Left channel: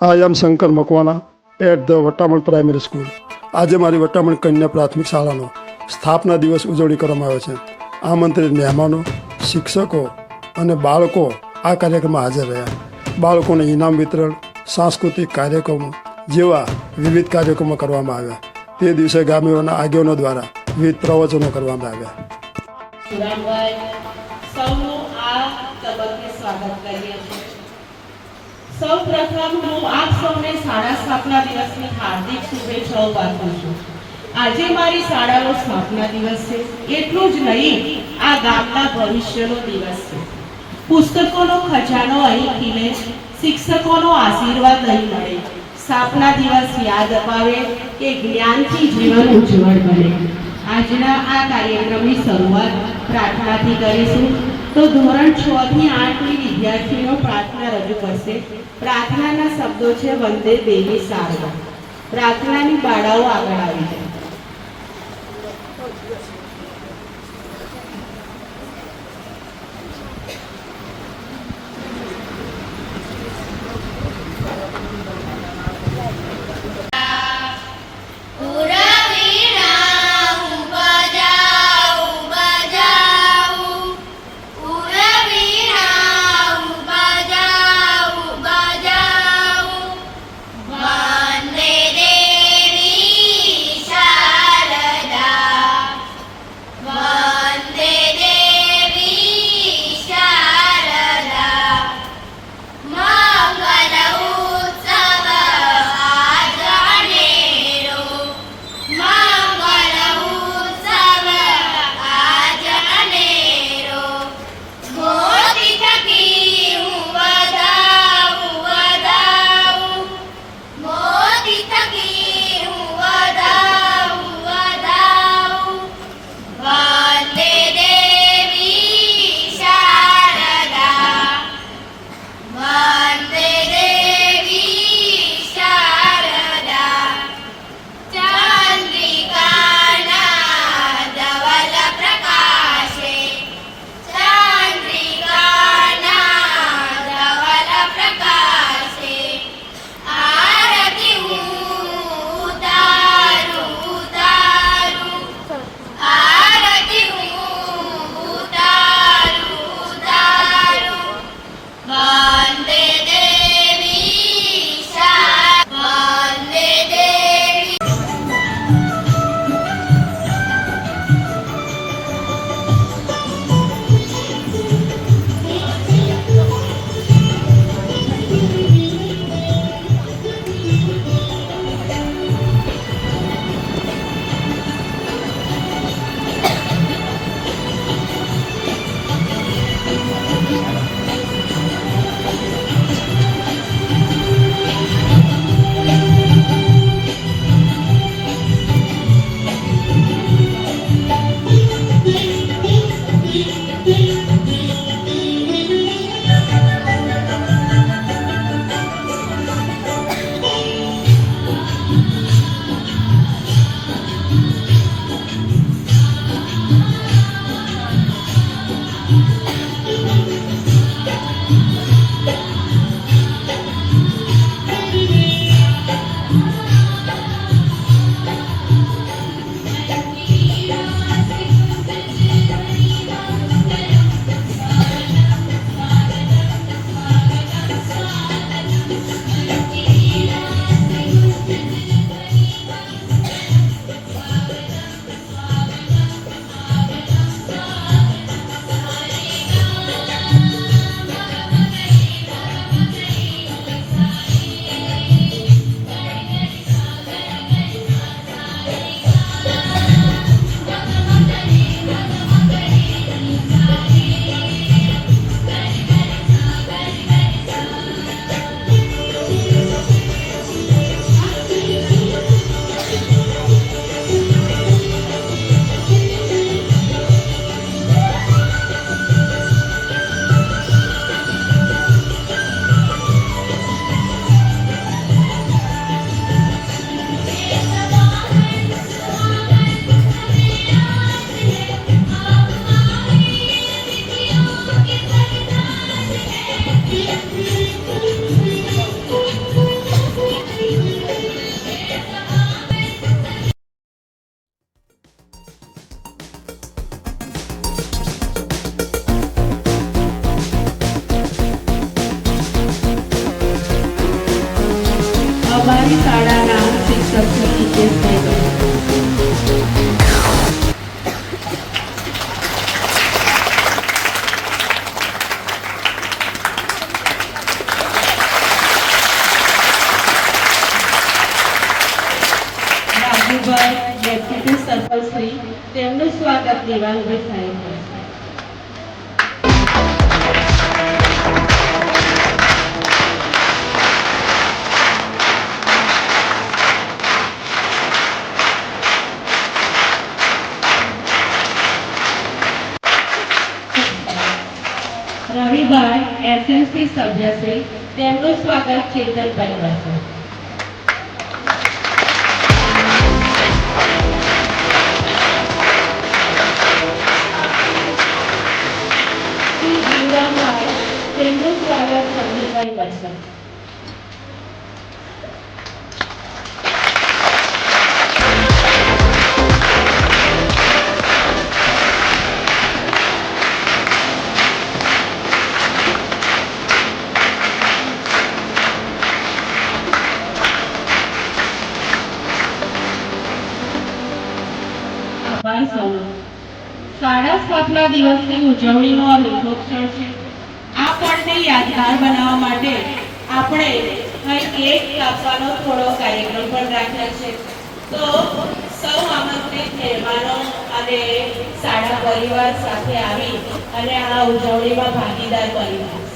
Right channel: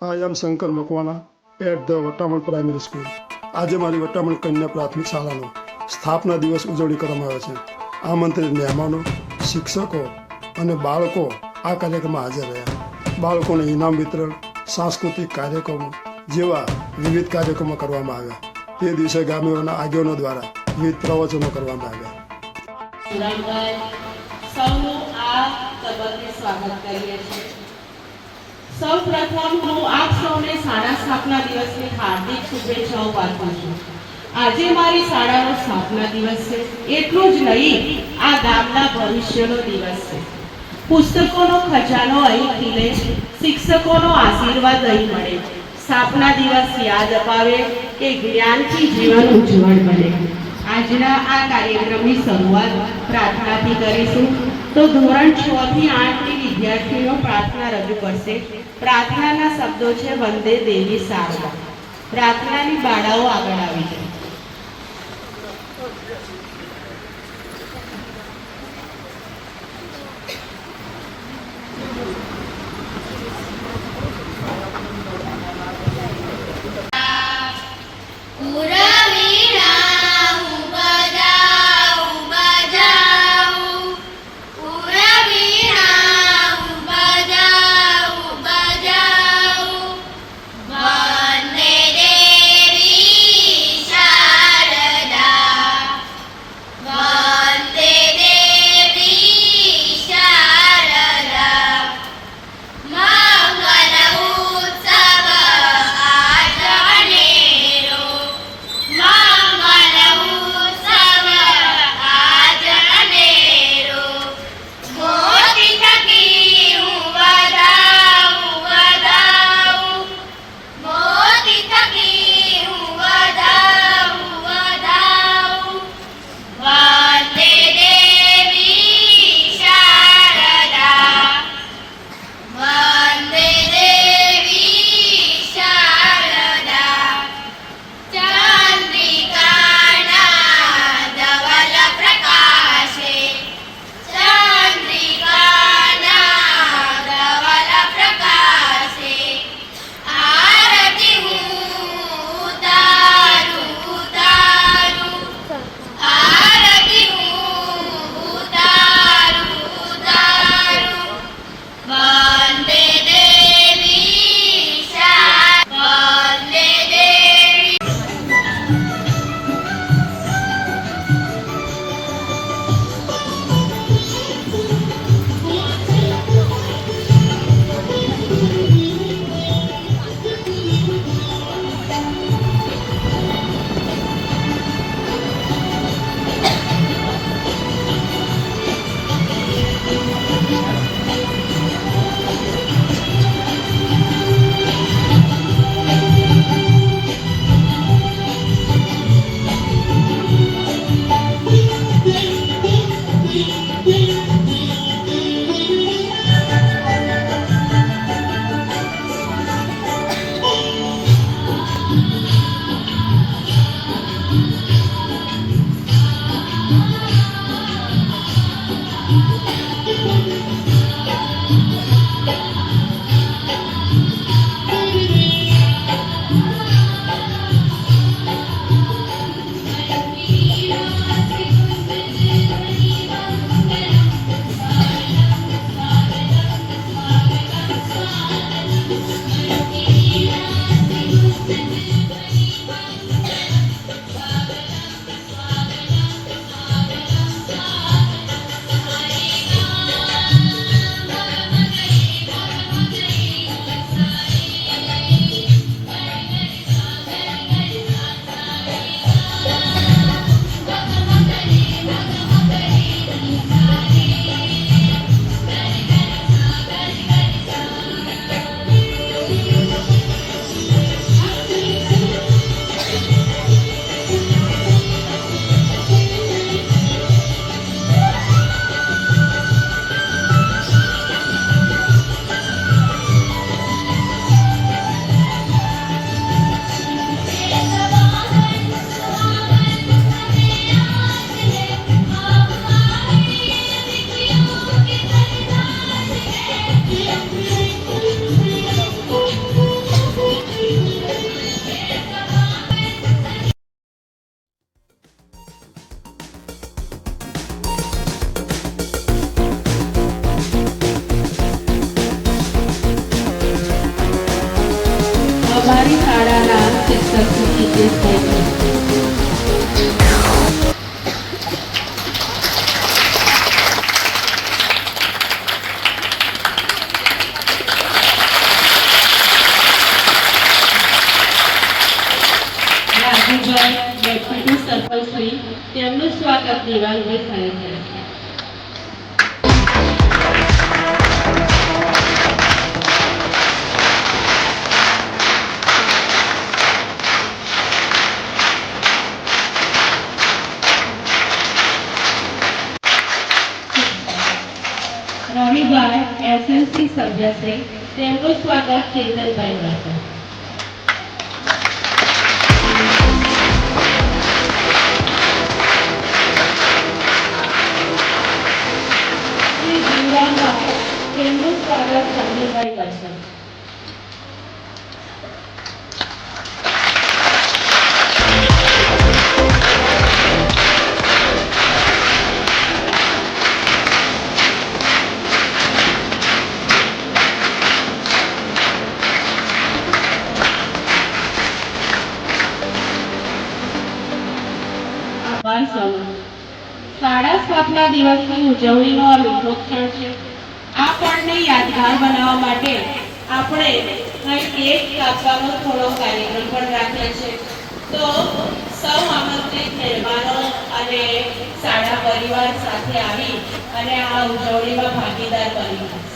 I am Shankar Makwana at the Vataman primary school. આજે મારી વટામણ કન્યા પ્રાથમિક શાળાનો સ્થાપના દિવસ ઉજવણી કરવામાં આવે છે. આમંત્રિત મહેમાનો, શિક્ષકો અને બાળકો આ કાર્યક્રમમાં હાજર રહ્યા. બાળકોને ઇનામ વિતરણ, સાંસ્કૃતિક કાર્યક્રમો જેવા વિવિધ કાર્યક્રમો કરવામાં આવ્યા. તે દિવસે ગામોના આગેવાનો દ્વારા વિવિધ પ્રવચનો કરવામાં આવ્યા. સૌનું આ તબક્કે સ્વાગત કરીએ છીએ. સૌ પ્રથમ હું આપ સૌને શાળા સ્થાપના દિવસની હાર્દિક શુભેચ્છાઓ પાઠવું છું. આજે મારી શાળાનો સ્થાપના દિવસ છે. એટલું જ નહીં, આ ગામના ભવિષ્યનો દિવસ છે. પુસ્તકોનો ખજાનો અહીં ખીલે, શિક્ષકોનો આશીર્વાદ અહીં મળે. સ્થાપના દિવસ યાદ અપાવે કે જ્ઞાનથી જીવન ઉજ્જવળ બને. આજના આ કાર્યક્રમની શરૂઆત પ્રાર્થનાથી કરીશું. તો ધોરણ 6 થી 8 ની વિદ્યાર્થીઓ પ્રાર્થના રજૂ કરશે. પ્રાર્થનાના શબ્દો છે વંદે દેવી સારવા. પ્રાર્થનાની બાળાઓ આગળ આવી જાય. વંદે દેવી દિવાલ ઊભી થાય છે. રવિભાઈ એસએલસી સભ્ય છે, તેમનું સ્વાગત ચેતનભાઈ કરશે. શ્રી જીવરામભાઈ, તેમનું સ્વાગત સંજયભાઈ કરશે. આભાર સૌનો. શાળા સ્થાપના દિવસની ઉજવણીનો આ મીઠો ક્ષણ છે. આ પળને યાદગાર બનાવવા માટે આપણે કેક કાપવાનો થોડો કાર્યક્રમ પણ રાખ્યો છે. તો સૌ આમંત્રિત મહેમાનો અને શાળા પરિવાર સાથે આવી અને આ ઉજવણીમાં ભાગીદાર બની રહેશે.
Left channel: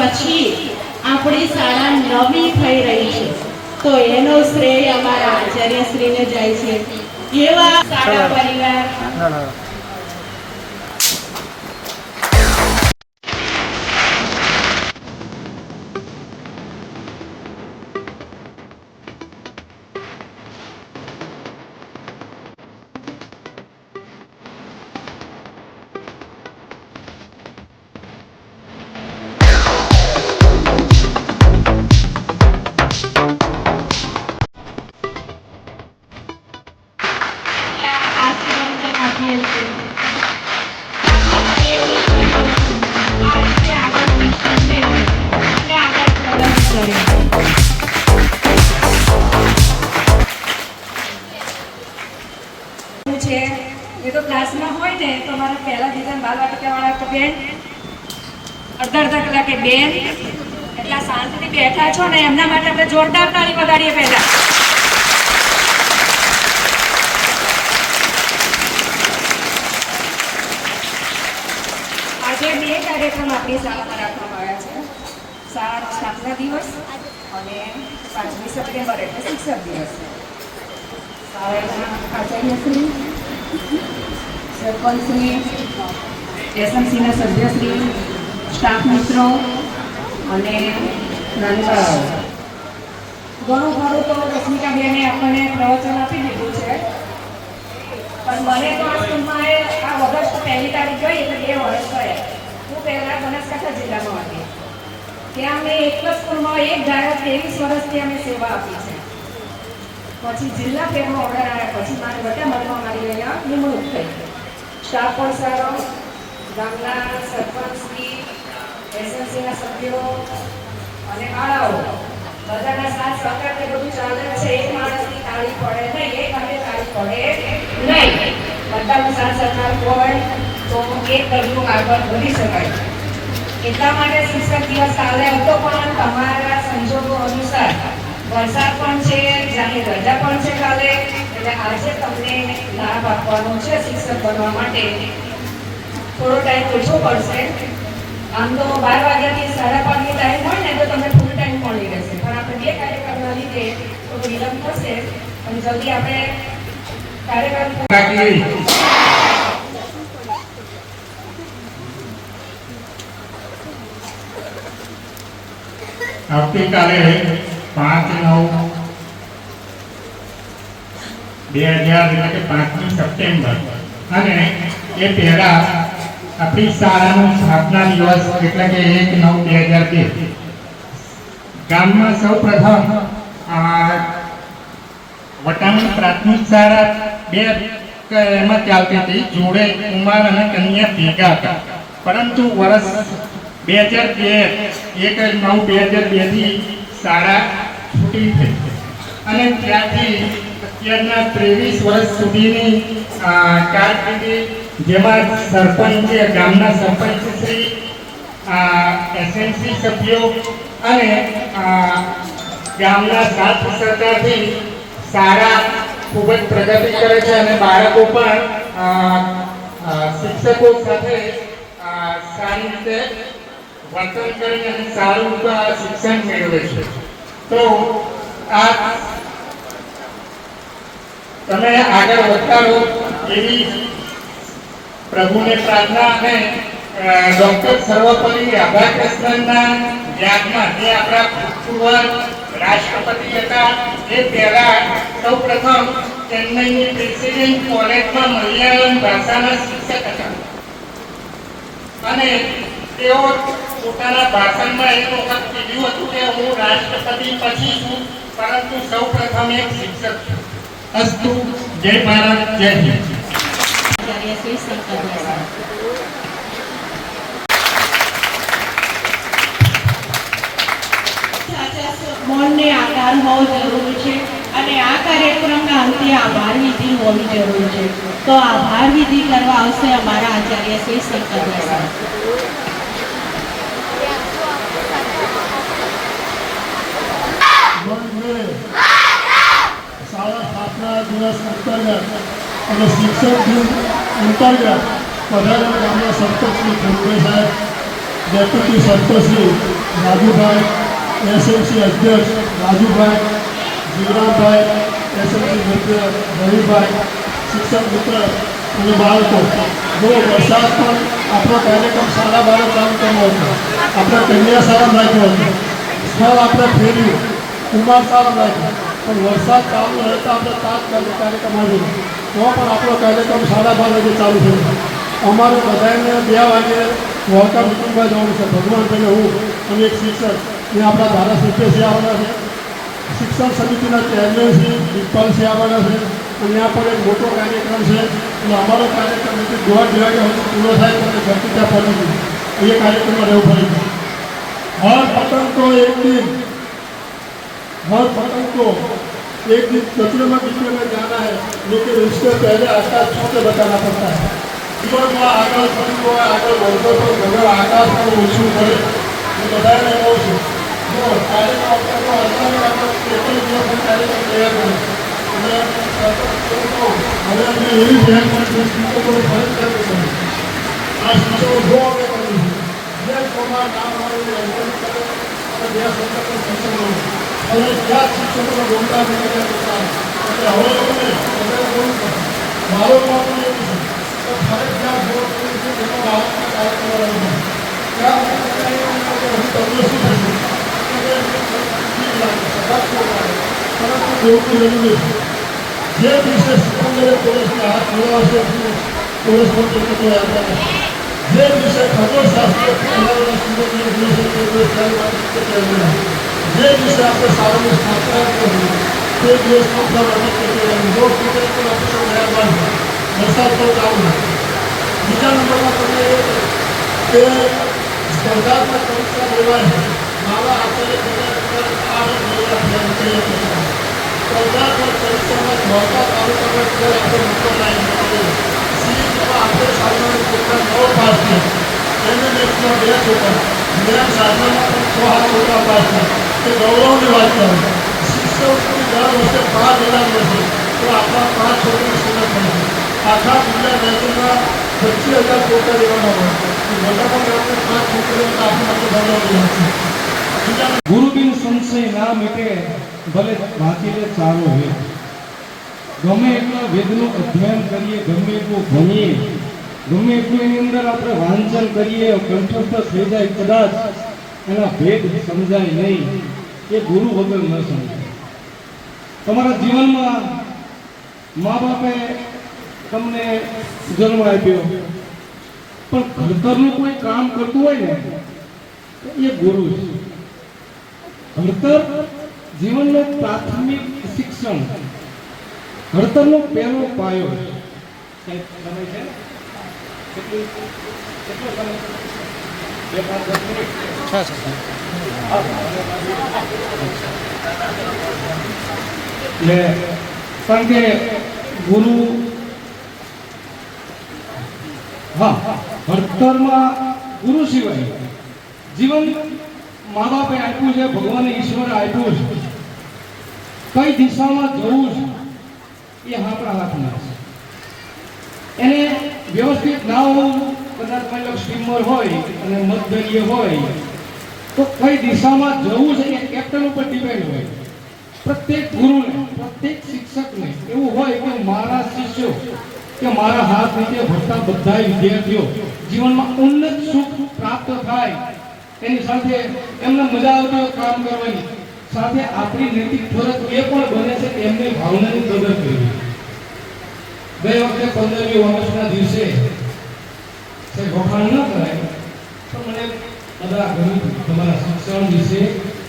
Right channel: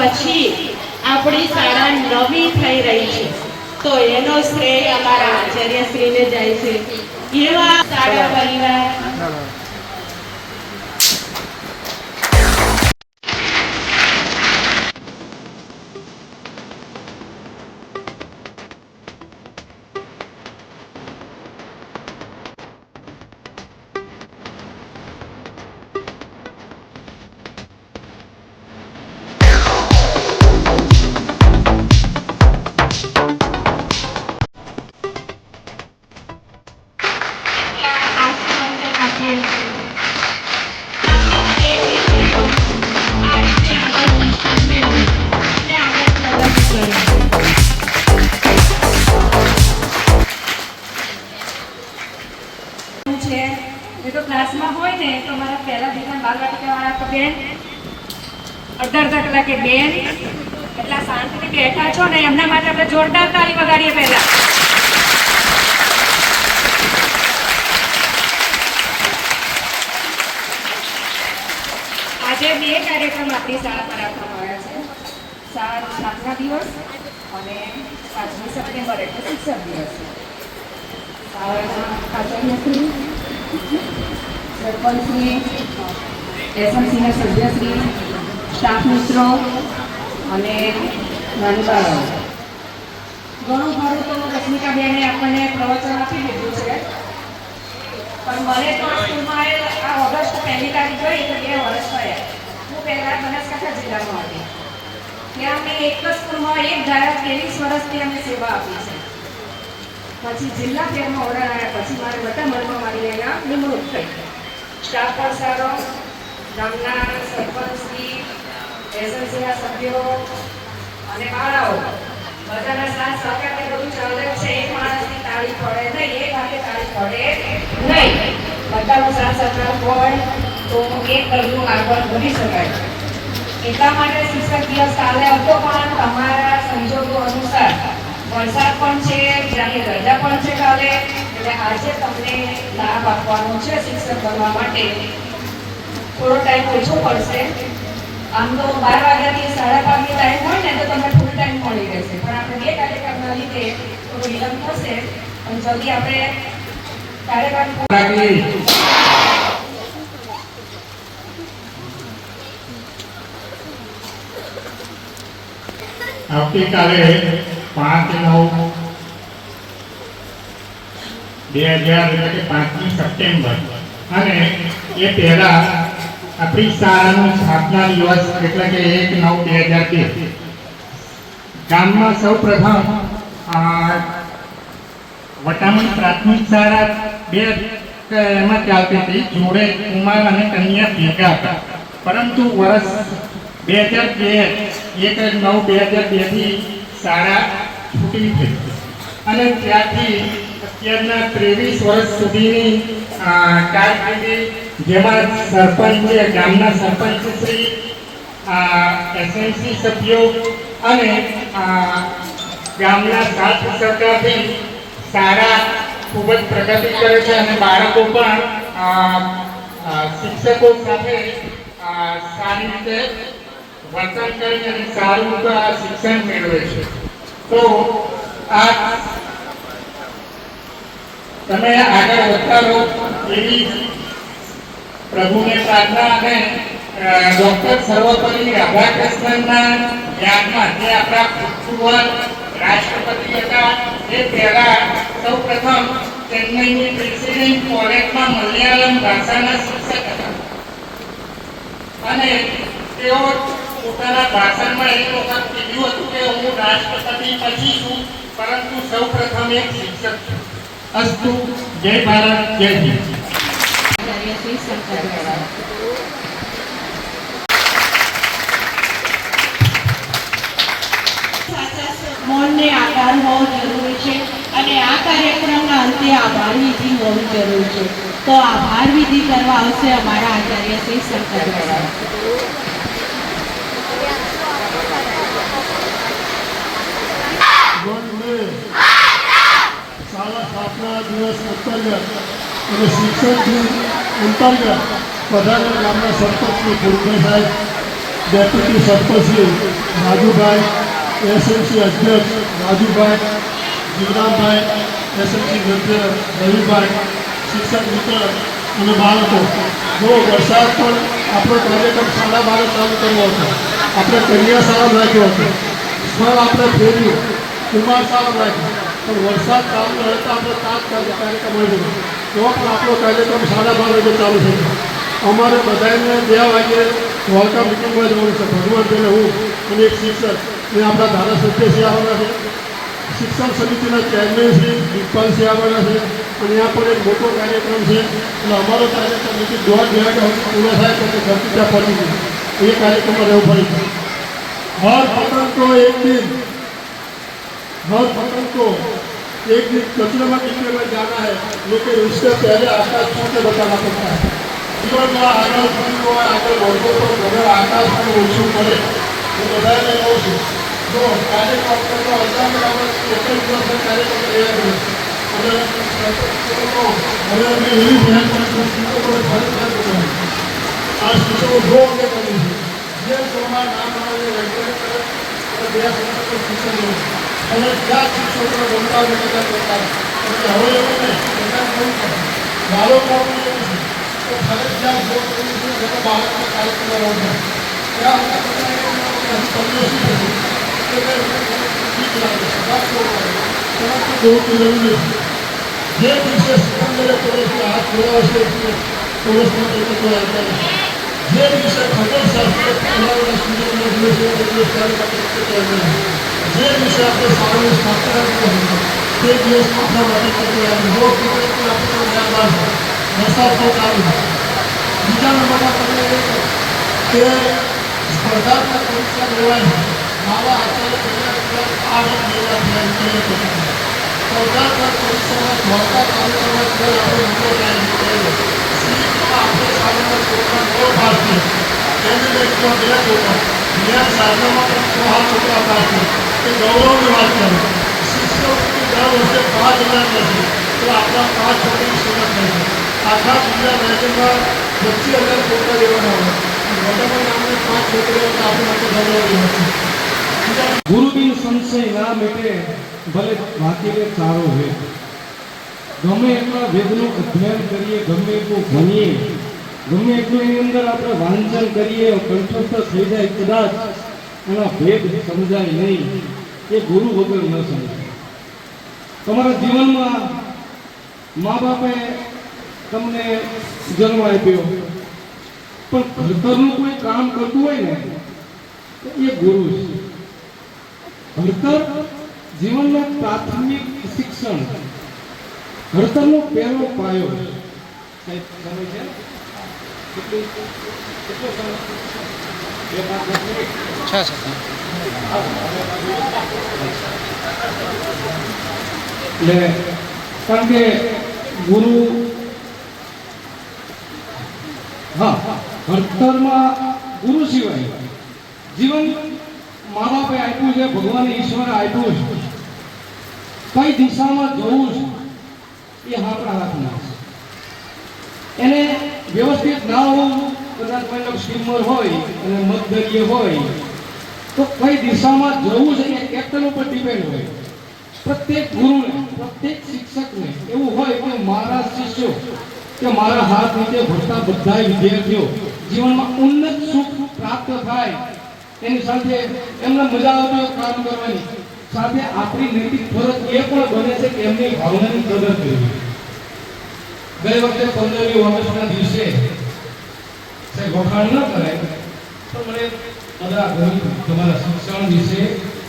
પછી આપણી શાળા નવી થઈ રહી છે, તો એનો શ્રેય અમારા આચાર્યશ્રીને જાય છે. એવા શાળા પરિવાર છે એ તો ક્લાસમાં હોય ને તો મારા પહેલા દિવસ બાલવાટિકાવાળા તો બેન અડધા કલાકે બેન એટલા શાંતિથી બેઠા છો ને એમના માટે આપણે જોરદાર તાળી વગાડીએ પહેલા. આજે બે કાર્યક્રમ આપણી શાળામાં રાખવામાં આવ્યા છે. શાળાનો સ્થાપના દિવસ અને 5મી સપ્ટેમ્બર એટલે શિક્ષક દિવસ. આચાર્યશ્રી, સરપંચશ્રી, એસએમસીના સભ્યશ્રી, સ્ટાફ મિત્રો અને નાની બાળકો, ઘણું ખરું તો રશ્મિકાબેને આપણને પ્રવચન આપી દીધું છે. પણ મને તો આ સ્કૂલમાં આ ઓગસ્ટ 1લી તારીખ ગઈ એટલે 2 વર્ષ થયા. હું પહેલાં બનાસકાંઠા જિલ્લામાં હતી. ત્યાં મેં એક જ સ્કૂલમાં એક ધારા 23 વર્ષથી અમે સેવા આપી છે. પછી જિલ્લા ફેરમાં ઓર્ડર આવ્યા પછી મારે વટામણમાં મારી અહીંયા નિમણૂક થઈ. સ્ટાફ પણ સારો, ગામના સરપંચની, એસએમસીના સભ્યો અને શાળાઓ બધાના સાથ સહકારને બધું ચાલે છે. એક માણસની તાળી પડે નહીં, એક હાથે તાળી પડે નહીં. બધાનો સાથ સહકાર હોય તો એક કદમ આગળ વધી શકાય. એટલા માટે શિક્ષક દિવસ કાલે હતો પણ તમારા સંજોગો અનુસાર વરસાદ પણ છે, જાહેર રજા પણ છે કાલે, એટલે આજે તમને લાભ આપવાનો છે. શિક્ષક બનવા માટે થોડો ટાઈમ ઓછો પડશે. આમ તો 12 વાગ્યાથી 5:30ની ટાઈમ હોય ને તો તમને ફૂલ ટાઈમ મળી રહેશે. પણ આપણે 2 કાર્યક્રમો લીધે થોડો વિલંબ થશે, પણ જલ્દી આપણે કાર્યક્રમ આવતીકાલે 5/9/2000 એટલે કે 5મી સપ્ટેમ્બર અને એ પહેલા આપણી શાળાનો સ્થાપના દિવસ એટલે કે 1/9/2002 ગામમાં સૌ પ્રથમ વટામણ પ્રાથમિક શાળા 2 એમાં ચાલતી હતી. જોડે કુમાર અને કન્યા ભેગા હતા, પરંતુ વર્ષ 1/9/2002 થી શાળા છૂટી થઈ અને ત્યારથી અત્યારના 23 વર્ષ સુધીની કારકિર્દી, જેમાં સરપંચ, ગામના સરપંચ શ્રી, એસએમસી સભ્યો અને ગામના સાથ સહકારથી શાળા ખૂબ જ પ્રગતિ કરે છે અને બાળકો પણ શિક્ષકો સાથે સારી રીતે વર્તન કરીને સારું શિક્ષણ મેળવે છે. તો આ તમે આગળ વધતા રહો એવી પ્રભુને પ્રાર્થના અને ડોક્ટર સર્વપલ્લી રાધાકૃષ્ણનના યાદમાં, જે આપણા ભૂતપૂર્વ રાષ્ટ્રપતિ હતા, એ પહેલા સૌ પ્રથમ ચેન્નઈની પ્રેસિડેન્ટ કોલેજમાં મલયાલમ ભાષાના શિક્ષક હતા અને તેઓ પોતાના ભાષણમાં એક વખત કીધું હતું કે હું રાષ્ટ્રપતિ પછી છું, પરંતુ સૌ પ્રથમ એક શિક્ષક છું. અસ્તુ. જય ભારત, જય હિન્દ. મૌનને આધાર હોવો જરૂરી છે અને આ કાર્યક્રમના અંતે આભાર વિધિ હોવી જરૂરી છે. તો આભાર વિધિ કરવા આવશે અમારા આચાર્ય શ્રી શંકર. શાળા સ્થાપના દિવસ અંતર્ગત અને શિક્ષક દિન અંતર્ગત વધારે ગામના સરપંચશ્રી ભૂલભાઈ સાહેબ, ડેપ્યુટી સરપંચશ્રી રાજુભાઈ, એસએમસી અધ્યક્ષ રાજુભાઈ, જીવરામભાઈ, એસએમસી સભ્ય રવિભાઈ, શિક્ષક મિત્ર અને બાળકો, જો વરસાદ પણ આપણો કાર્યક્રમ શાળા બાબત કામ કરવો હતો. આપણે કન્યા શાળા રાખ્યો હતો, સ્થળ આપણે ફેર્યું, કુમાર શાળા રાખ્યો, પણ વરસાદ ચાલુ રહેતા આપણે તાત્કાલિક કાર્યક્રમ આવ્યો. તો પણ આપણો કાર્યક્રમ 12:30 વાગે ચાલુ થયો. અમારે બધાને 2 વાગે વોલકા મિટિંગમાં જવાનું છે. ભગવાનભાઈને હું અને એક શિક્ષક ને આપણા ધારાસભ્યશ્રી આવવાના છે, શિક્ષણ સમિતિના ચેરમેનશ્રી દીપપાલસિંહ આવવાના છે અને ત્યાં પણ એક મોટો કાર્યક્રમ છે. એટલે અમારો કાર્યક્રમ 1:30 વાગ્યા સુધી પૂરો થાય તો ઘરથી ત્યાં પડી ગયું. એ કાર્યક્રમમાં રહેવું પડી. હર પતન તો એક દિન हर फसल को एक दिन कचरे में किचरे में जाना है, लेकिन उससे पहले आकाश छूते बताना पड़ता है। जीवन में आगे बढ़ी हुआ आगे बढ़ते तो अगर आकाश में ओछू पड़े तो बताए नहीं ओछू जो कार्य को अपने को अंतर में આપણે કેટલી દિવસ કાર્ય તૈયાર કરે એટલે હવે અમે એવી ધ્યાન રાખીએ શિક્ષકો ફરજ કરે આ શિક્ષકો જો અમે કરીએ જે પ્રમાણ નામ આવે એન્ટર કરે અને બે સંસ્થાઓ શિક્ષકો અને જ્યાં શિક્ષકો ગમતા ગમતા કરતા એટલે હવે લોકોને બધા શું કરે મારો કામ એવું છે તો ફરજિયાત જો કરવું છે જેનો બાળકને કાર્ય કરવાનું ત્યાં અમે તમને શું થયું જે વિશે સિકંદરે પોલીસને હાથ મેળવશે પોલીસ જે વિશે ખગોળશાસ્ત્રીય જે વિશે આપણે શાળાની સ્થાપના કરી તે દિવસ આપણા માટે વરસાદ પણ ચાલુ બીજા નંબરમાં તમને એ કે સ્પર્ધાત્મક પરીક્ષા લેવાય મારા આચાર્ય સ્પર્ધાત્મક પરીક્ષામાં મોટા તાલુકામાં આપણે નંબર લાવી સીટમાં આપણે સામાન્ય છોકરા 9 પાસ છે એની લેખમાં 2 છોકરા જ્ઞાન સાધનામાં પણ 6 છોકરા પાસ છે એ ગૌરવની વાત કરે શિષ્યવૃત્તિ દર વર્ષે 5,000 લેશે તો આટલા 5 છોકરી સિલેક્ટ થાય છે આખા જિલ્લા મેચમાં 25,000 છોકરા લેવાના હોય મોટામાં ગામને 5 છોકરીઓ આપણી માટે ગૌરવની વાત છે ગુરુ બિન સંશય ના મિટે ભલે વાંચીને ચારો હોય ગમે એટલા વેદનું અધ્યયન કરીએ ગમે એટલું ભણીએ ગમે એટલું એની અંદર આપણે વાંચન કરીએ કંઠસ્થ થઈ જાય કદાચ એનો ભેદ સમજાય નહીં એ ગુરુ વગર ન સમજાય તમારા જીવનમાં મા બાપે તમને જન્મ આપ્યો પણ ઘડતરનું કોઈ કામ કરતું હોય ને એ ગુરુ છે ઘડતર જીવનનો પ્રાથમિક શિક્ષણ ઘડતરનો પહેલો પાયો કારણ કે ગુરુ ઘડતરમાં ગુરુ સિવાય જીવન મા બાપે આપ્યું છે ભગવાને ઈશ્વરે આપ્યું છે કઈ દિશામાં જવું છે એ આપણા હાથમાં છે એને વ્યવસ્થિત ના હોવું કદાચ કોઈ સ્ટીમર હોય અને મધદરીય હોય તો કઈ દિશામાં જવું છે એ કેપ્ટન ઉપર ડિપેન્ડ હોય પ્રત્યેક ગુરુને પ્રત્યેક શિક્ષકને એવું હોય કે મારા શિષ્યો કે મારા હાથ નીચે ભણતા બધા વિદ્યાર્થીઓ જીવનમાં ઉન્નત સુખ પ્રાપ્ત થાય એની સાથે એમને મજા આવતી હોય કામ કરવાની સાથે આપણી નૈતિક ફરજ એ પણ બને છે કે એમની ભાવનાની કદર કરવી ગઈ વખતે 15મી વર્ષના દિવસે સાહેબ વખાણ ન કરે પણ મને બધા ગમ્યું તમારા શિક્ષણ વિશે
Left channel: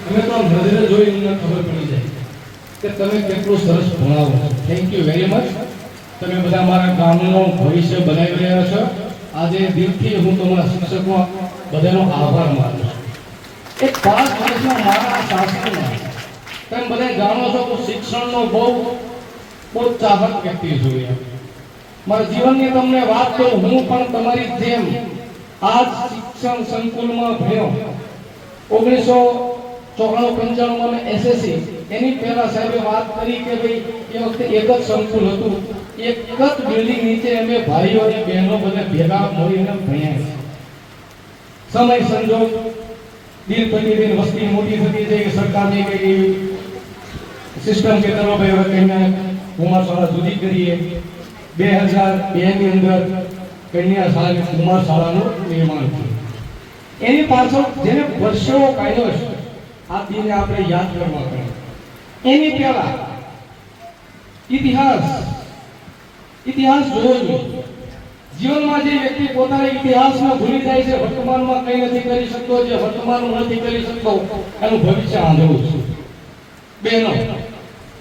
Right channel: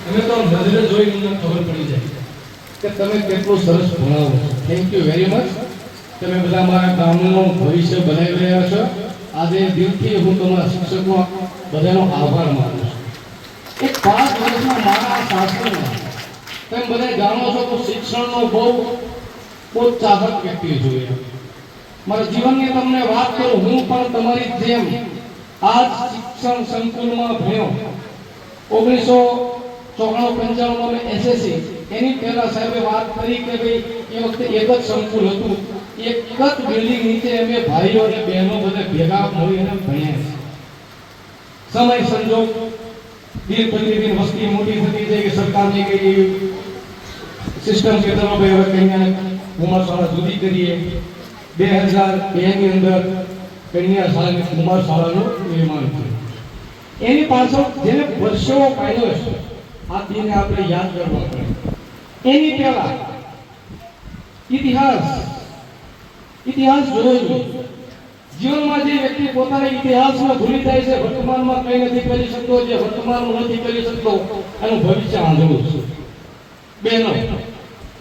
અમે તો નજરે જોઈને અમને ખબર પડી જાય કે તમે કેટલું સરસ ભણાવો થેન્ક યુ વેરી મચ તમે બધા મારા ગામનું ભવિષ્ય બનાવી રહ્યા છો આજે દિલથી હું તમારા શિક્ષકો બધાનો આભાર માનું છું એક 5 વર્ષના મારા શાસનમાં તમે બધા જાણો છો કે શિક્ષણનો બહુ ચાહક વ્યક્તિ જોઈએ મારા જીવનની તમને વાત કરું હું પણ તમારી જેમ આ શિક્ષણ સંકુલમાં ભણ્યો 1994-95 માં એસએસસી એની પહેલા સાહેબે વાત કરી કે ભાઈ એ વખતે એક જ સંકુલ હતું એક જ બિલ્ડિંગ નીચે અમે ભાઈઓ અને બહેનો બધા ભેગા મળીને ભણ્યા સમય સંજોગ દિન પ્રતિદિન વસ્તી મોટી થતી જાય કે સરકારની કે સિસ્ટમ કે ચલો ભાઈ હવે કન્યા કુમાર શાળા જુદી કરીએ 2002 ની અંદર કન્યા શાળા કુમાર શાળાનું નિર્માણ થયું એની પાછળ જેને વર્ષો કાઢ્યો છે આ દિને આપણે યાદ કરવા પડે એની પહેલા ઇતિહાસ જોવો જોઈએ જીવનમાં જે વ્યક્તિ પોતાના ઇતિહાસમાં ભૂલી જાય છે વર્તમાનમાં કંઈ નથી કરી શકતો જે વર્તમાનમાં નથી કરી શકતો એનું ભવિષ્ય આંધળું છે બહેનો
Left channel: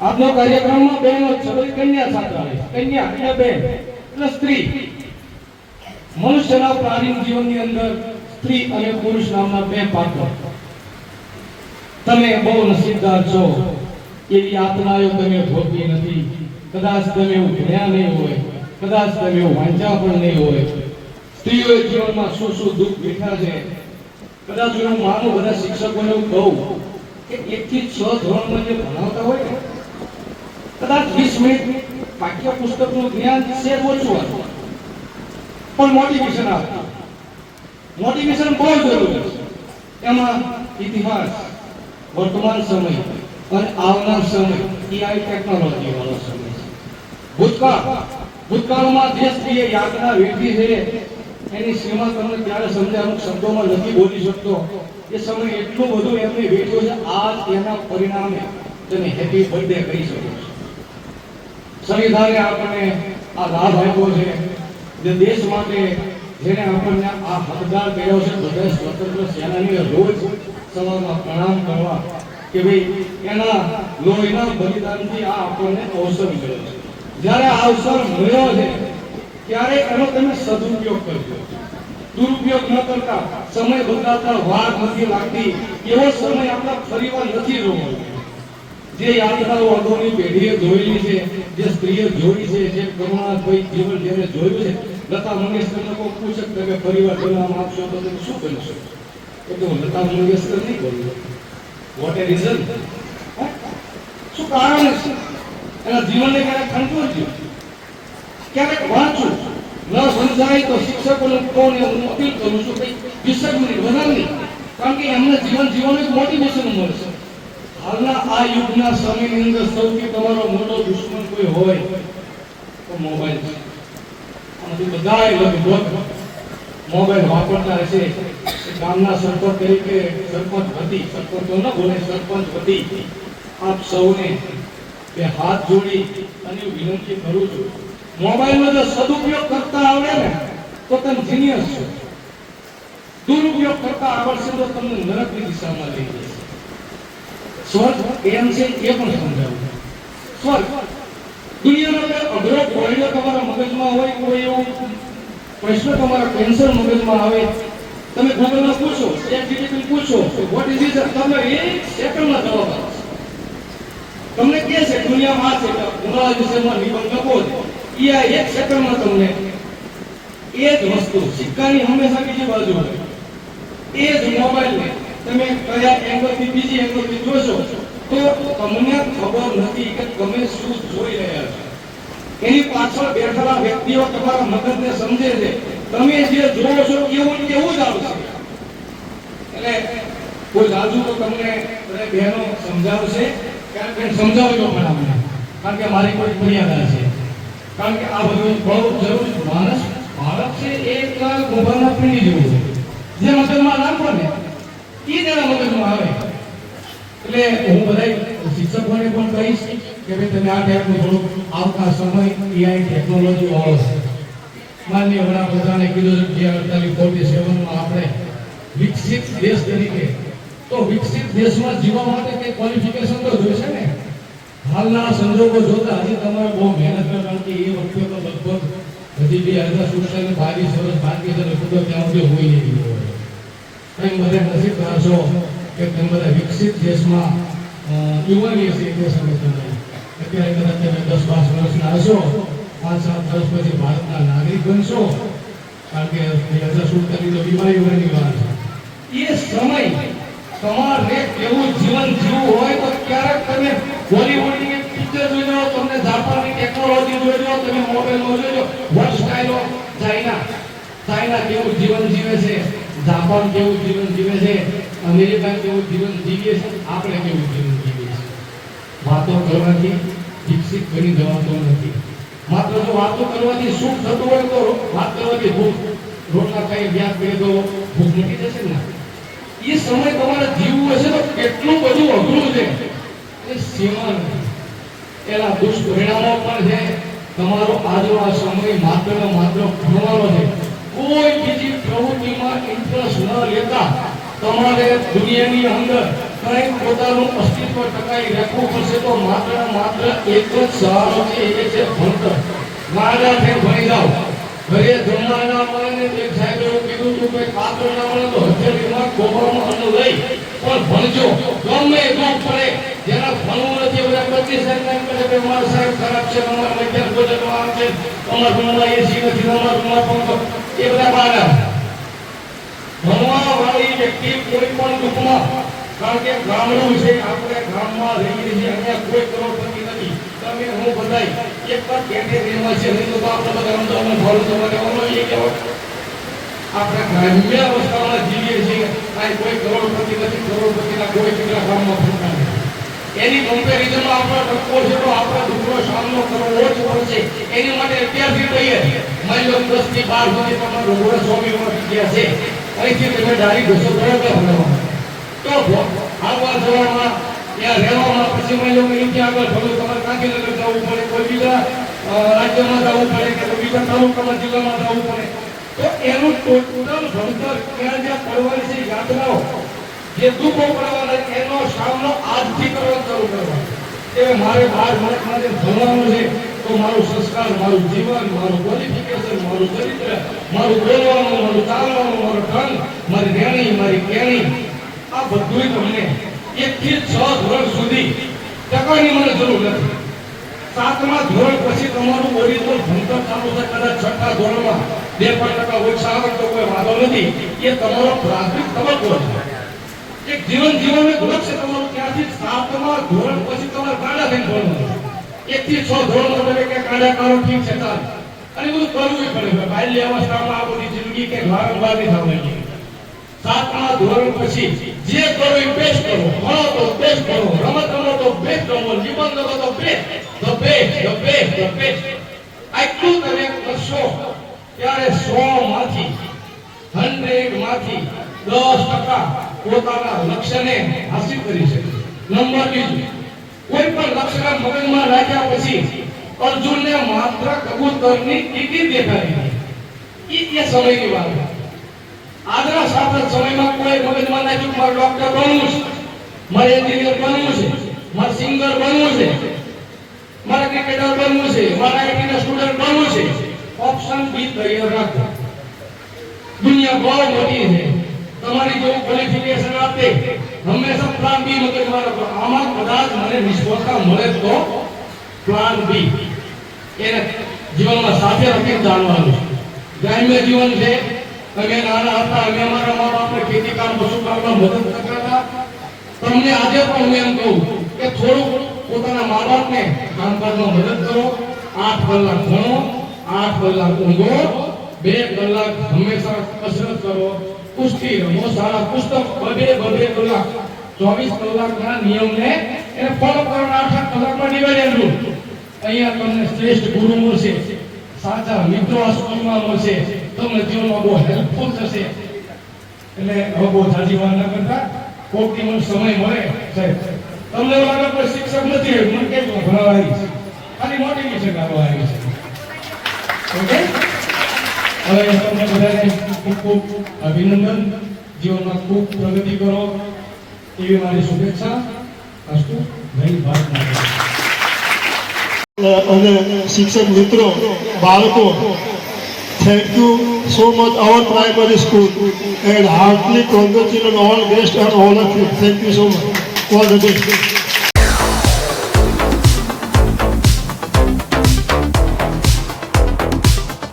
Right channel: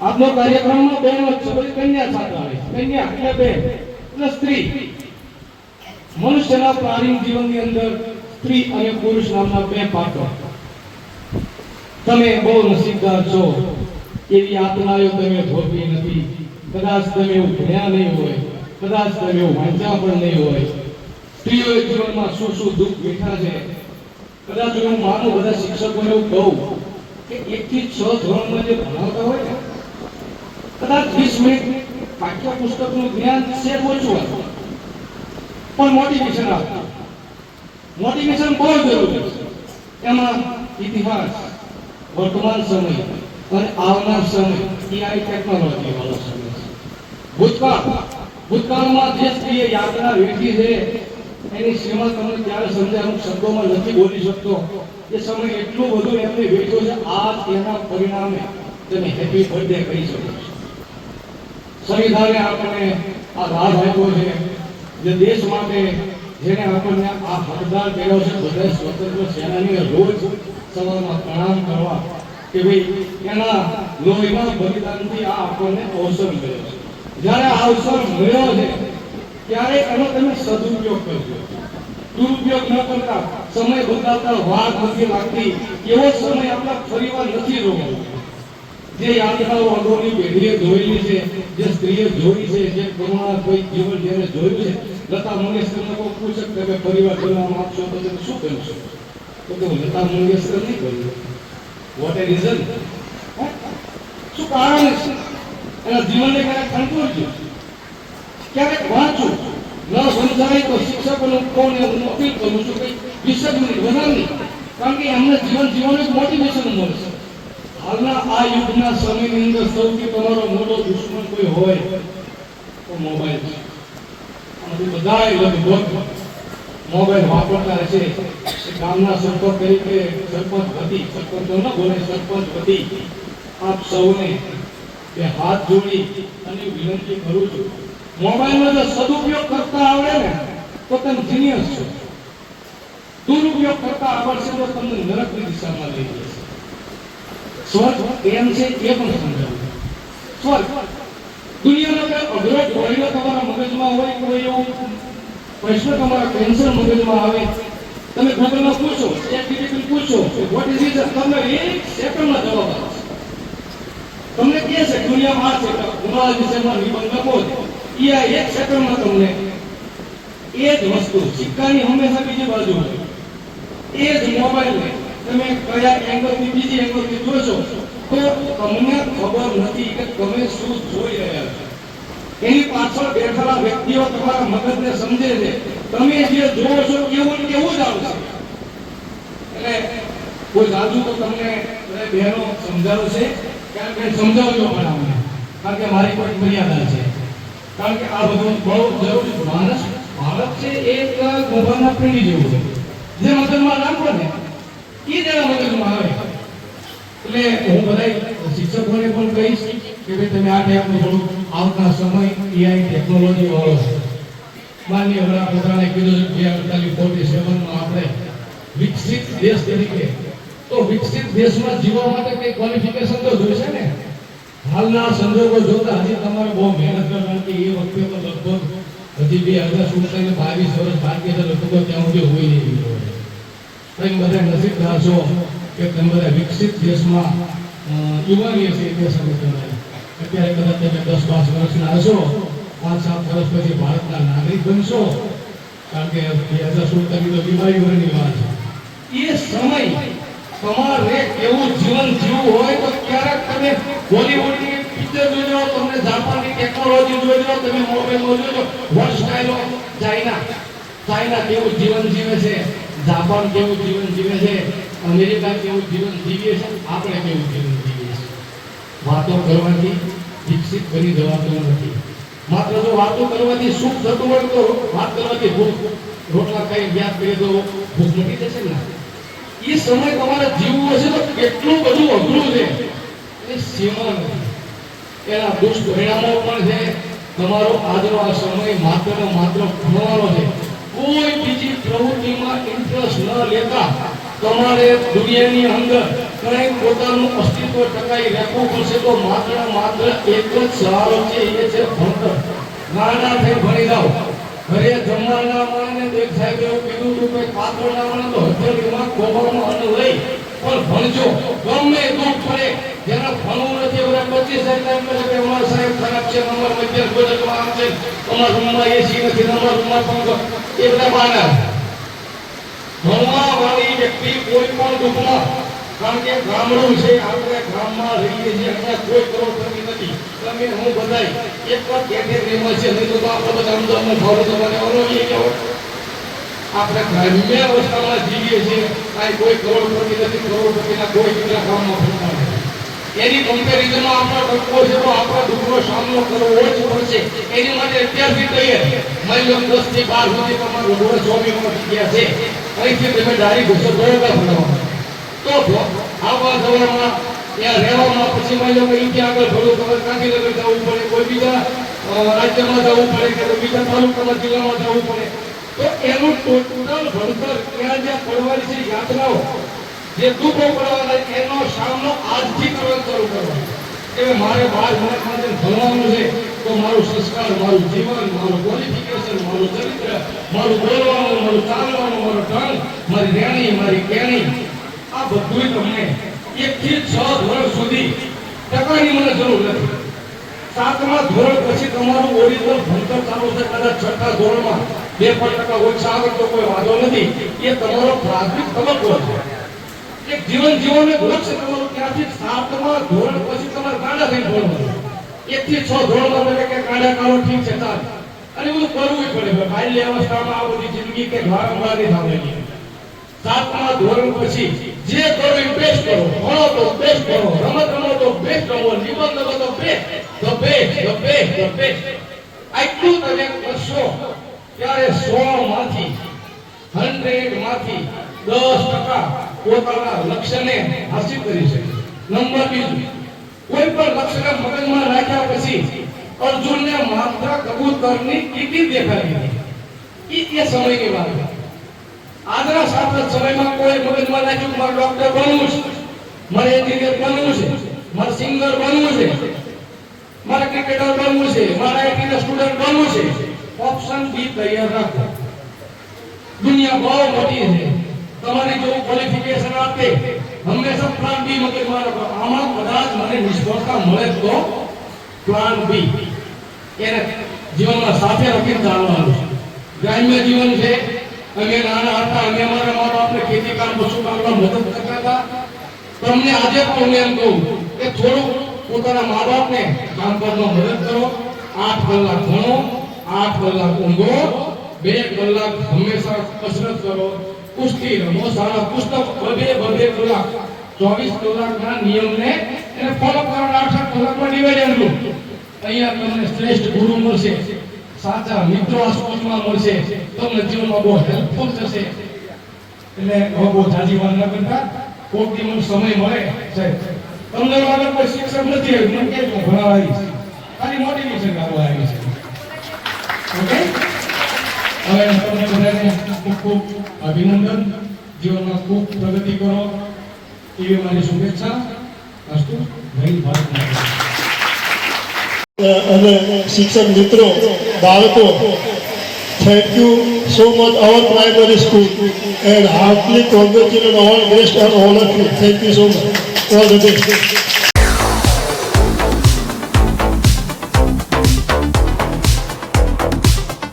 આજનો કાર્યક્રમમાં બહેનો છે કન્યા સાથે આવે છે કન્યા એટલે બેન એટલે સ્ત્રી મનુષ્યના પ્રાચીન જીવનની અંદર સ્ત્રી અને પુરુષ નામના બે પાત્રો તમે બહુ નસીબદાર છો એવી યાતનાઓ તમે ભોગવી નથી. કદાચ તમે એવું ભણ્યા નહીં હોય, કદાચ તમે એવું વાંચ્યા પણ નહીં હોય. સ્ત્રીઓએ જીવનમાં શું શું દુઃખ વેઠા છે. કદાચ હું માનું બધા શિક્ષકોને એવું કહું કે 1 થી 6 ધોરણમાં જે ભણાવતા હોય ને, કદાચ 20 મિનિટ પાઠ્ય પુસ્તકનું જ્ઞાન છે ઓછું હતું, પણ મોટિવેશન આપતું. મોટિવેશન બહુ જરૂરી છે. એમાં ઇતિહાસ, વર્તમાન સમય અને આવનાર સમય, એ આ ટેકનોલોજી વાળો સમય છે. ભૂતકાળમાં જે સ્ત્રીએ યાતના વેઠી છે એની સીમા તમને ત્યારે સમજાય, અમુક શબ્દોમાં નથી બોલી શકતો. એ સમય એટલું બધું એમને વેઠ્યો છે. આ તેના પરિણામે તમે હેપી બર્થડે કરી શકો છો. સંવિધાને આપણને આ લાભ આપ્યો છે, જે દેશ માટે જેને આપણને આ હકદાર કર્યો છે. બધા સ્વતંત્ર સેનાનીને રોજ સવારમાં પ્રણામ કરવા કે ભાઈ એના લોહીના બલિદાનથી આ આપણને અવસર મળ્યો છે. જ્યારે આ અવસર મળ્યો છે ત્યારે એનો તમે સદુપયોગ કરજો. દુરુપયોગ ન કરતા. સમય બદલાતા વાર નથી લાગતી એવો સમય આપણે ફરીવાર નથી જોવો. જે યાતનાઓ અગાઉની પેઢીએ જોયેલી છે, જે સ્ત્રીએ જોઈ છે, જે કરુણા કોઈ જીવન જેને જોયું છે. લતા મંગેશકરને કોઈ પૂછે કે તમે પરિવાર બનાવવા માંગશો તો તમે શું કરશો? તો કે હું લતા મંગેશકર નહીં કરું. વોટ એ રીઝન? શું કારણ છે? એના જીવનને ક્યારેક ખંડું ક્યારેક વાંચું ન સમજાય તો શિક્ષકોને કોને હું અપીલ કરું છું કે 20 મિનિટ વધારે નહીં, કારણ કે એમને જીવન જીવવાનું એક મોટિવેશન મળશે. હાલના આ યુગના સમયની અંદર સૌથી તમારો મોટો દુશ્મન કોઈ હોય તો મોબાઈલ છે. અને બધાય લગભગ મોબાઈલ વાપરતા હશે. ગામના સરપંચ તરીકે સરપંચ હતી, સરપંચ તો ન બોલે, સરપંચ હતી. આપ સૌને બે હાથ જોડી અને વિનંતી કરું છું, મોબાઈલનો જો સદુપયોગ કરતા આવડે ને તો તમે જીનિયસ છો. દુરુપયોગ કરતા આવડશે તો તમને નરકની દિશામાં લઈ જશે. સ્વર્ગ એમ છે એ પણ સમજાવું. સ્વર્ગ દુનિયાનો કોઈ અઘરો કોયલો તમારા મગજમાં હોય, કોઈ એવો પ્રશ્ન તમારા કેન્સર મગજમાં આવે, તમે ગૂગલમાં પૂછો, ChatGPT પૂછો, વોટ ઇઝ ઇટ, તમને 1 સેકન્ડમાં જવાબ આવશે. તમને કહે છે દુનિયામાં આ છે કે ઉનાળા વિષયમાં નિબંધ લખો છે, એ આ 1 સેકન્ડમાં તમને એ જ વસ્તુ, સિક્કાની હંમેશા બીજી બાજુ હોય. એ જ મોબાઈલને તમે કયા એંગલથી બીજી એંગલથી જોશો તો તમને ખબર નથી કે તમે શું જોઈ રહ્યા છો. એની પાછળ બેઠેલા વ્યક્તિઓ તમારા મગજને સમજે છે. તમે જે જોવો છો એવું કેવું જ આવશે. એટલે કોઈ જાદુ તો તમને બહેનો સમજાવશે, કારણ કે સમજાવજો મને, કારણ કે મારી કોઈ મર્યાદા છે. કારણ કે આ બધું બહુ જરૂરી. માણસ છે એક મોબાઈલના પીડી જેવું છે. જે મગજમાં નાખો ને એ તેના મગજમાં આવે. એટલે હું બધા શિક્ષકોને પણ કહીશ કે ભાઈ તમે આ ટાઈપનું થોડું આવતા સમય AI ટેકનોલોજી વાળો છે. માનનીય વડાપ્રધાને કીધું છે 48-47 આપણે વિકસિત દેશ તરીકે, તો વિકસિત દેશમાં જીવવા માટે કઈ ક્વોલિફિકેશન તો જોઈશે ને. હાલના સંજોગો જોતા હજી તમારે બહુ મહેનત કરવાની. એ વખતે તો લગભગ હજી 2047 22 વર્ષ બાકી છે. લગભગ ત્યાં સુધી હોય નહીં હોય. તમે બધા નસીબદાર છો કે તમે બધા વિકસિત દેશમાં યુવાની દેશ અત્યારે કદાચ તમે 10-12 વર્ષના હશો, 5-7 વર્ષ પછી ભારતના નાગરિક બનશો, કારણ કે 2047 બીમારી વરની વાત છે. એ સમય તમારે કેવું જીવન જીવવું હોય તો ક્યારેક તમે બોલીવુડની પિક્ચર જોજો, તમને જાપાનની ટેકનોલોજી જોજો, તમે મોબાઈલમાં જોજો વોટ સ્ટાઇલ ઓફ ચાઇના કેવું જીવન જીવે છે, જાપાન કેવું જીવન જીવે છે, અમેરિકા કેવું જીવન જીવે છે, આપણે કેવું જીવન જીવીએ છીએ. વાતો કરવાથી વિકસિત બની જવાતું નથી. માત્ર જો વાતો કરવાથી સુખ થતું હોય તો વાત કરવાથી ભૂખ, રોટલા ખાઈ વ્યાજ કરી તો ભૂખ મટી જશે ને. એ સમય તમારે જીવવું હશે તો કેટલું બધું અઘરું છે, એટલે સીમા નથી. એના દુષ્પરિણામો પણ છે. તમારો આજનો આ સમય માત્ર ભણવાનો છે. કોઈ બીજી પ્રવૃત્તિમાં ઇન્ટરેસ્ટ ન લેતા તમારે દુનિયાની અંદર કંઈક પોતાનું અસ્તિત્વ ટકાવી રાખવું પડશે. તો માત્ર એક જ સહારો છે, એ છે ભણતર. નાના થઈને ભણી જાઓ. ઘરે જમવાના મળે એક સાહેબ એવું કીધું હતું કે પાત્ર ના મળે તો હથેળીમાં કોબળમાં અન્ન લઈ પણ ભણજો. ગમે એટલું પડે, જેના ભણવું નથી બધા પછી સરકાર કહે કે અમારો સાહેબ ખરાબ છે, અમારા મધ્યમ બોલવા છે, અમારા રૂમમાં એસી નથી, અમારા રૂમમાં પંખો, એ બધા બહાના. ભણવા વાળી વ્યક્તિ કોઈ પણ દુઃખમાં, કારણ કે ગામડું છે, આપણે ગામમાં રહીએ છીએ, અહીંયા કોઈ કરોડપતિ નથી. તમે હું બધાય એક જ બેઠે રહેવા છે, નહીં તો આપણે બધા અમદાવાદમાં ભાડું તમારે અનુભવીએ કહેવાય. આપણે ગ્રામ્ય અવસ્થામાં જીવીએ છીએ, કાંઈ કોઈ કરોડપતિ નથી, કરોડપતિના કોઈ બીજા ગામમાં ફરતા નથી. એની કમ્પેરિઝનમાં આપણા દુઃખો છે તો આપણા દુઃખનો સામનો કરવો જ પડશે. એની માટે અત્યારથી કહીએ, મારી લો 10 થી 12 સુધી તમારું ગોળ સ્વામીઓમાં જગ્યા છે, અહીંથી તમે ડાયરી ઘોષો બરોબર ભણવા તો આવવા જવામાં ત્યાં રહેવામાં પછી મારી લો અહીંથી આગળ થોડું તમારે ગાંધીનગર જવું પડે, કોઈ બીજા રાજ્યમાં જવું પડે કે કોઈ બીજા તાલુકાના જિલ્લામાં જવું પડે, તો એનું ટોટલ ભણતર ત્યાં જ્યાં પડવાની છે યાત્રાઓ જે દુઃખો પડવાના એનો સામનો આજથી કરવાનો શરૂ કરવાનો. કે મારે બહાર મને ભણવાનું છે તો મારું સંસ્કાર, મારું જીવન, મારું ક્વોલિફિકેશન, મારું ચરિત્ર, મારું બોલવાનું, મારું ચાલવાનું, મારું ઢંગ, મારી રહેણી, મારી કહેણી, આ બધું તમને 1 થી 6 ધોરણ સુધી ટકાની મને જરૂર નથી. 7મા ધોરણ પછી તમારું ઓરિજિનલ ભણતર ચાલુ છે. કદાચ 6થા ધોરણમાં 2% ઓછા આવે તો કોઈ વાંધો નથી. એ તમારો પ્રાથમિક તબક્કો છે. એક જીવનનું લક્ષ્ય તમારું ત્યાંથી 7મા ધોરણ પછી તમારે ગાડા થઈને ભણવાનું. 1 થી 6 ધોરણમાં તમે કે ગાડા કાઢો ઠીક છે ચાલ, અને બધું કરવું પડે. બાલ્ય અવસ્થામાં આ બધી જિંદગી કે વારંવાર નહીં થવાની. 7મા ધોરણ પછી જે કરવું એ બેસ્ટ કરો, ભણો તો બેસ્ટ ભણો, રમત રમો તો બેસ્ટ રમો, નિબંધ લખો તો બેસ્ટ, ધ બેસ્ટ. આટલું તમે કરશો ત્યારે 100 માંથી 10% પોતાના લક્ષ્યને હાસિલ કરી શકે. નંબર 2, કોઈ પણ લક્ષ્યને મગજમાં રાખ્યા પછી અર્જુનને માત્ર કબૂતરની ટીકી દેખાડી. એ સમયની વાત. આજના સાંપ્રત સમયમાં કોઈ મગજમાં રાખ્યું મારે ડોક્ટર બનવું છે, મારે એન્જિનિયર બનવું છે, મારે સિંગર બનવું છે, મારે ક્રિકેટર બનવું છે, મારે આઈટીના સ્ટુડન્ટ બનવું છે. ઓપ્શન બી તૈયાર રાખો. દુનિયા બહુ મોટી છે. તમારી જો ક્વોલિફિકેશન આપે હંમેશા પ્લાન બી મગજમાં રાખો. આમાં કદાચ મને નિષ્ફળતા મળે તો પ્લાન બી એને જીવનમાં સાથે રાખીને ચાલવાનું છે. ગ્રામ્ય જીવન છે. અમે નાના હતા, અમે અમારા મા બાપને ખેતી કામ, પશુ કામમાં મદદ કરતા હતા. તમને આજે પણ હું એમ કહું કે થોડું પોતાના મા બાપને કામકાજમાં મદદ કરો. 8 કલાક ભણો, 8 કલાક ઊંઘો, 2 કલાક હંમેશા કસરત કરો, કુસ્તી રમો, સારા પુસ્તક, 2 કલાક 24 કલાકના નિયમને એને ફોલો કરવાના. 8 કલાકમાં ડિવાઈડ કરો. અહીંયા તમને શ્રેષ્ઠ ગુરુ મળશે, સાચા મિત્રો આ સ્કૂલમાં મળશે, તમને જીવનમાં બહુ હેલ્પફુલ થશે. એટલે હવે બહુ સાચી વાત ન કરતા, કોઈક દિવસ સમય મળે સાહેબ, તમને લાગે કોઈ શિક્ષક નથી આવ્યું, મને કહેજો ભણવા આવી છે, ખાલી મોટિવેશન આપવા આવી છે. ઓકે, હવે તમને બધાને ખૂબ ખૂબ અભિનંદન. જીવનમાં ખૂબ પ્રગતિ કરો એવી મારી શુભેચ્છા. અસ્તુ. જય ભારત માતા. અને શિક્ષક મિત્રો, બાળકો, thank you so much our primary school and heartily congratulations all best and all of you. Thank you so much. All the best.